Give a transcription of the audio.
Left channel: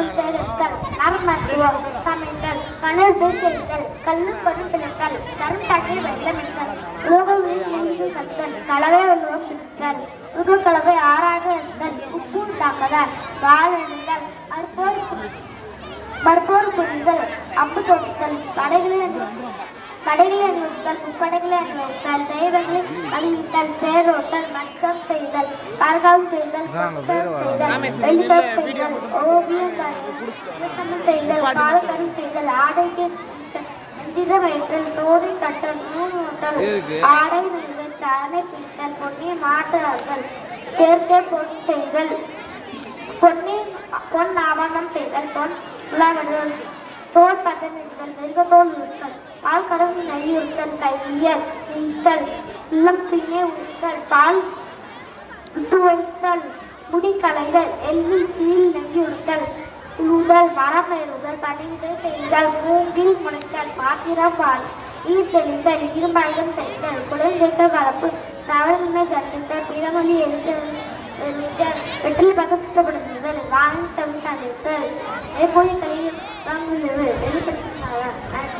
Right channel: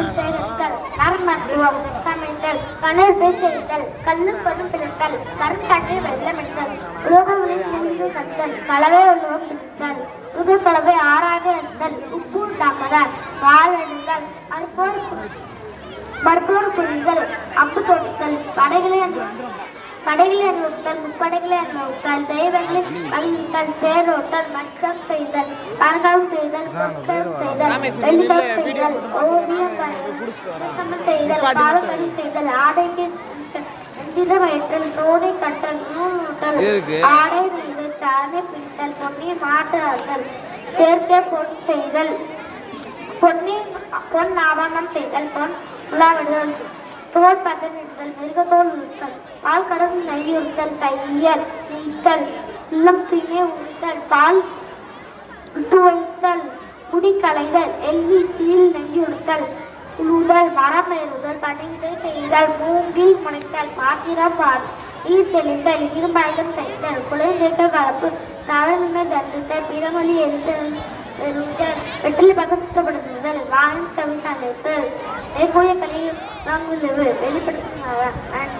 கண்ணில் பெயரிட்டல் நறுமருத்துவம் சமைத்தல் கணல் பேசுதல் கல்லு பதிப்பித்தல் கருத்தாக்கி வெள்ளமிட்டல் உலோகங்களில் நீதி கட்டல் கலவை உலகம் பிடித்தல் புது கலவை ஆறாக எடுத்தல் உப்பு தாக்குதல் வாழெடுத்தல் அதுபோல் மருத்துவர் குறிகள் அம்பு தொடுத்தல் படைகளை அணி படைகளை அணிவித்தல் முப்படைகளை அணிவித்தல் தெய்வங்களை அணிவித்தல் பேரோட்டல் மட்டம் செய்தல் கரகால் செய்தல் செய்தல் ஓவியம் செய்தல் செய்தல் ஆடைக்கு கட்டல் நூல் ஊட்டல் ஆடை நெய்தல் சாணை பித்தல் பொன்னி மாட்டுதல் சேர்க்கை பொன் செய்தல். பொன்னி பொன் ஆபரணம் செய்தல் பொன் விழாவிடல் தோல் பதனிடுதல் மிருகத்தோல் உறுத்தல் பால் கடவுள் நெய்யுறுத்தல் கையல் ஈட்டல் இல்லம் துணை ஊட்டல் பால் துவைத்தல் முடி எல்லி கீழ் நெய்யுறுத்தல் உழுதல் மரம் எழுதல் பணிந்து செய்தல் மூங்கில் முனைத்தல் பாத்திரம் பால் நீர் தெளித்தல் இரும்பாயுதம் தைத்தல் குலை கேட்ட கலப்பு நவநிலை தண்டித்தல் பிறமொழி எழுத்தல் வெற்றிலை பக்கம் சுத்தப்படுத்துதல் வானம் தமிழ் அழைத்தல் மேற்கூறிய கலையை நாங்கள் வெளிப்படுத்தினார்